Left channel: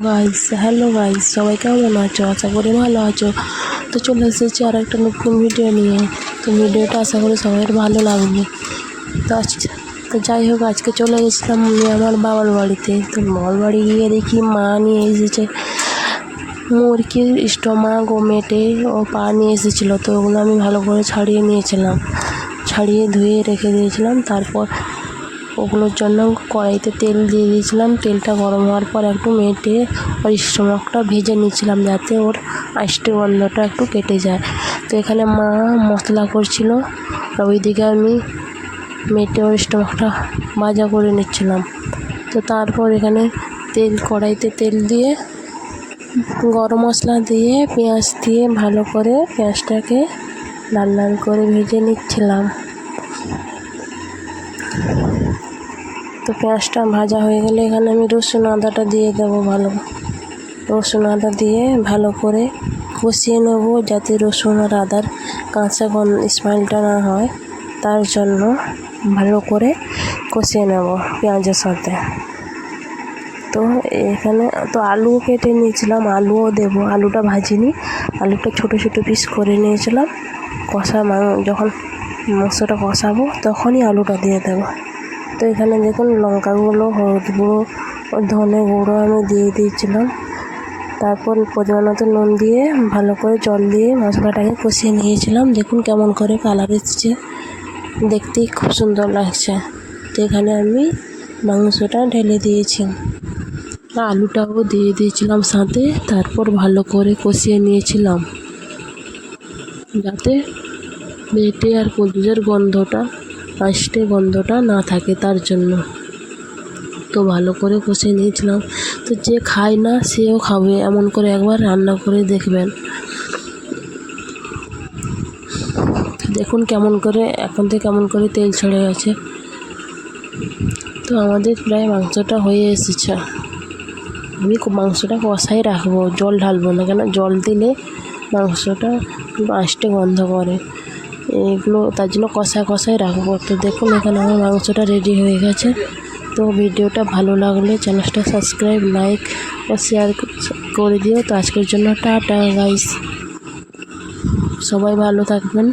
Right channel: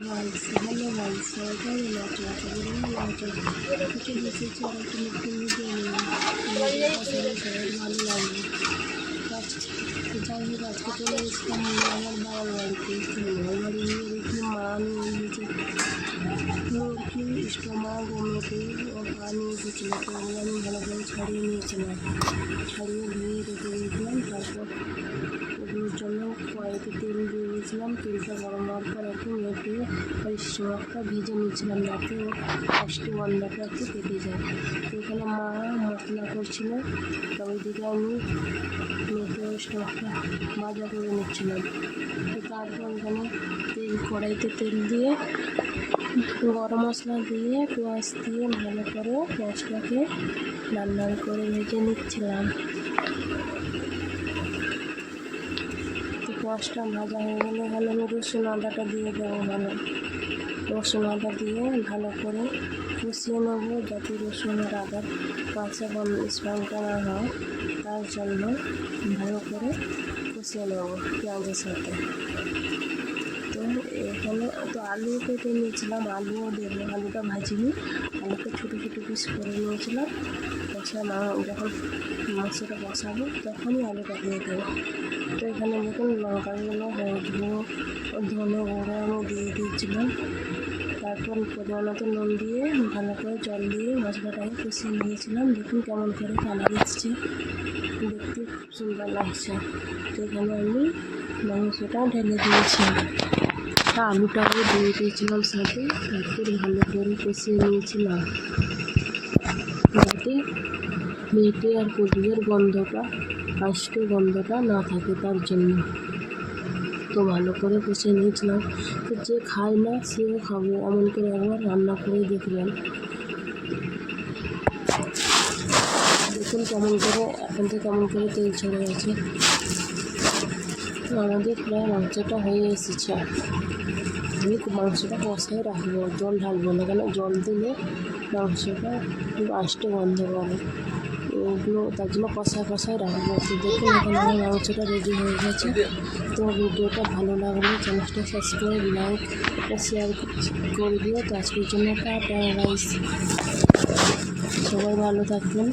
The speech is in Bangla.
গাইস হ্যালো গাইস সবাই কেমন আছো? আশা করি ভালো আছো। তো চলে এসেছি আর একটা নতুন ভিডিও নিয়ে। তো ভিডিওটা আশা করি সবাই ভালো লাগবে। তো তো যাই হোক, আজকে চলে গেছিলাম আমি আমার বাবার বাড়িতে। তো বাবার বাড়ি গিয়ে দেখি মা নিয়ে এসেছে। মুরগির স্টোমাক ও মেটে ও পা নিয়ে এসেছিল। তো ওগুলো আমি ভালো করে ছাড়িয়ে নিয়েছিলাম। ছাড়িয়ে ধুয়ে রেখে দিয়েছিলাম। তারপর ওগুলোর জন্য কড়াইতে তেল দিয়ে দিয়েছিলাম। তেলটা গরম হওয়ার পর একটু মেটে ওর স্টোমাকটা ভেজে নিয়েছিলাম যাতে ওর আষ্টে গন্ধটা একটু কেটে যায়। তো এখানে মা মশলা করছিল আর ওইদিকে আমি মেটে ওর স্টোমাকটা ভাজা করে নিচ্ছিলাম। তো তারপর এখানে তেল, কড়াইতে তেল দিয়ে গরম মশলা দিয়ে পেঁয়াজ দিয়ে ভালো করে পেঁয়াজটাকে লাল লাল করে ভেজে নিচ্ছিলাম। তো পেঁয়াজটা ভাজা হয়ে গেলে এখানে আমি রসুন আদাটা দিয়ে দেবো ভালো। রসুন আদা দিয়ে ভালো করে কষিয়ে নেব যাতে রসুন আর আদার কাঁচা স্মেলটা না হয়। তার জন্য ভালো করে কষিয়ে নেব পেঁয়াজের সাথে। তো এখানে তো আলু কেটে নিয়েছিলাম, আলুও দেবো। আলুটা ভাজিনি, আলুটা ছোটো ছোটো পিস করে নিয়েছিলাম। কষা যখন মাংসটা কষাবো তখনই আলুটা দিয়ে দেবো। তো এখানে দেখুন লঙ্কা গুঁড়ো হলুদ গুঁড়ো ধনে গুঁড়ো আমি দিয়ে দিয়েছিলাম। তারপর পরিমাণ মতো নুন দিয়ে ভালো করে জল দিয়ে মশলাটাকে কষিয়ে নিয়েছিলাম। দেখুন কেমন করে কালার এসছে। দেখতেই খুব সুন্দর লাগছে। তো এখানে আমি মাংসটা ঢেলে দিয়েছি। আলুটাও দিয়ে দিয়েছিলাম সাথে। তারপর ভালো করে কষিয়ে নিয়েছিলাম। যাতে মেটে আর কদুজের গন্ধটা আষ্টে গন্ধটা না থাকে তার জন্য। তো ভালো করে কষে নিয়েছিলাম। তো যে খায় না সেও খাবে, এমন করে একবার রান্না করে দেখবেন। দেখুন কেমন করে, এখন থেকে কেমন করে তেল ছেড়ে গেছে। তো আমাদের প্রায় মাংসটা হয়ে এসেছে। আমি মাংসটা কষাই রাখব, জল ঢালবো না, কেন জল দিলে মাংসটা আষ্টে গন্ধ করে। এগুলো তার জন্য কষায় কষায় রাখব। তো দেখুন, এখানে আমার মাংসটা রেডি হয়ে গেছে। তো ভিডিওটা ভালো লাগলে চ্যানেলটা সাবস্ক্রাইব লাইক ও শেয়ার করে দিও। তো আজকের জন্য টাটা গাইস সবাই ভালো থাকবেন।